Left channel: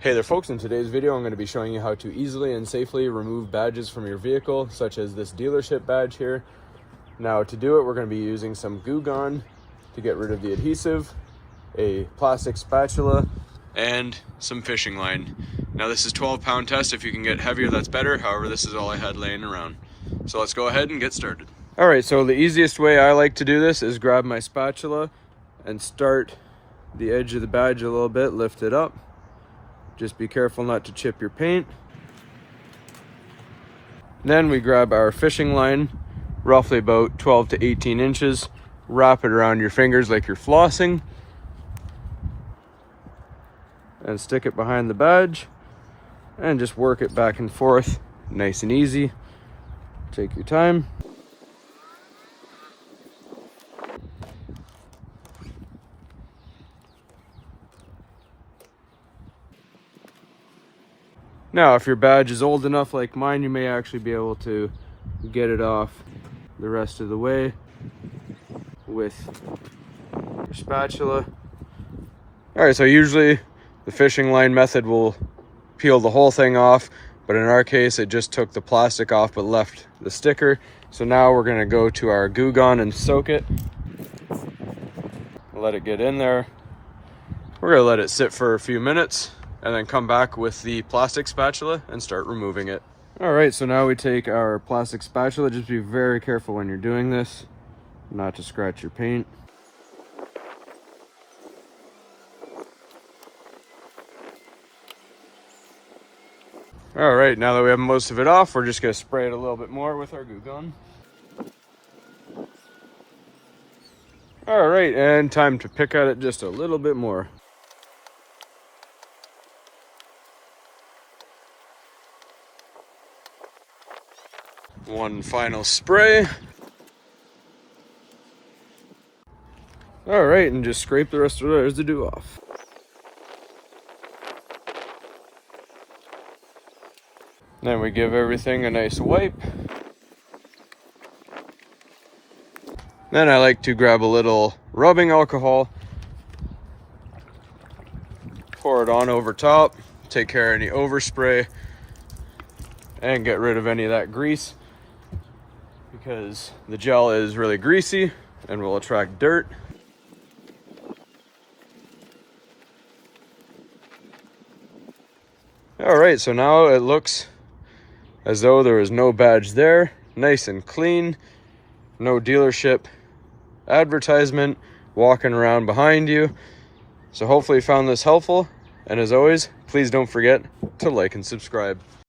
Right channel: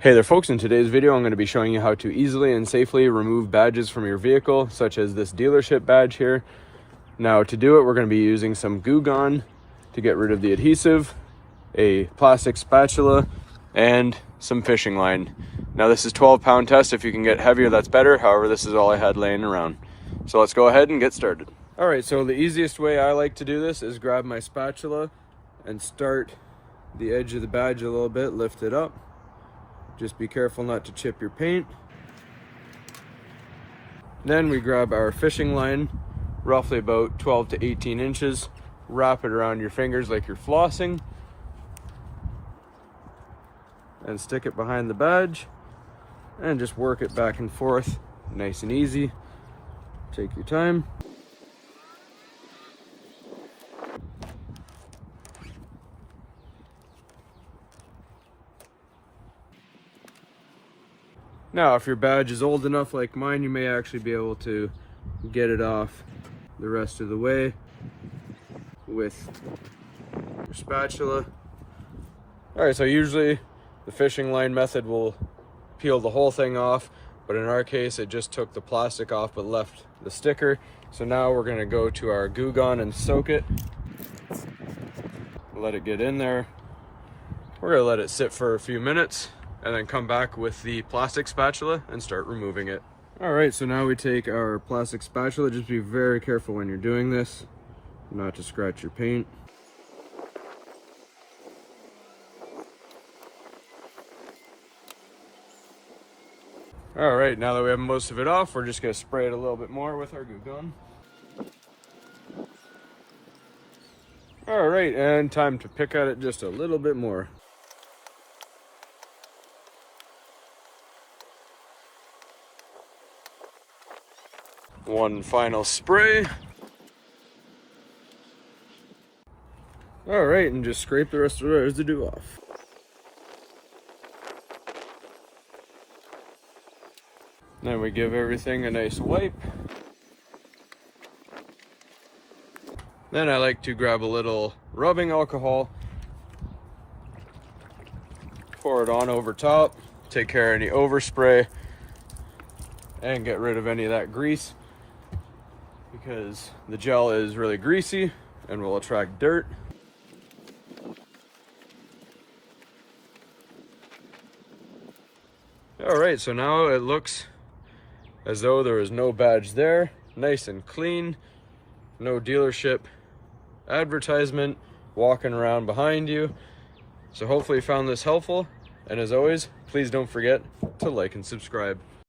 Hey there folks, in today's video I'm going to be showing you how to easily and safely remove badges from your vehicle, such as this dealership badge here. Now to do it, we're going to be using some Goo Gone to get rid of the adhesive, a plastic spatula, and some fishing line. Now this is 12-pound test. If you can get heavier, that's better. However, this is all I had laying around. So let's go ahead and get started. Alright, so the easiest way I like to do this is grab my spatula and start the edge of the badge a little bit, lift it up. Just be careful not to chip your paint. Then we grab our fishing line, roughly about 12 to 18 inches, wrap it around your fingers like you're flossing, and stick it behind the badge, and just work it back and forth, nice and easy. Take your time. Now, if your badge is old enough like mine, you may actually be able to get it off the rest of the way with your spatula. Alright, so usually the fishing line method will peel the whole thing off, but in our case it just took the plastic off but left the sticker. So now we're going to go to our Goo Gone and soak it. Let it get in there. We're going to let it sit for a few minutes and then come back with the plastic spatula and start removing it. All right, so now we take our plastic spatula. Just be very careful when you're doing this, not to scratch your paint. All right, now that we have most of it off, we're just gonna spray it a little bit more with our Goo Gone. All right, and time to pick at it just a little bit more. One final spray. All right, and just scrape the rest of the residue off. Then we give everything a nice wipe. Then I like to grab a little rubbing alcohol, pour it on over top, take care of any overspray, and get rid of any of that grease, because the gel is really greasy and will attract dirt. All right, so now it looks as though there was no badge there, nice and clean, no dealership advertisement walking around behind you. So hopefully you found this helpful, and as always, please don't forget to like and subscribe.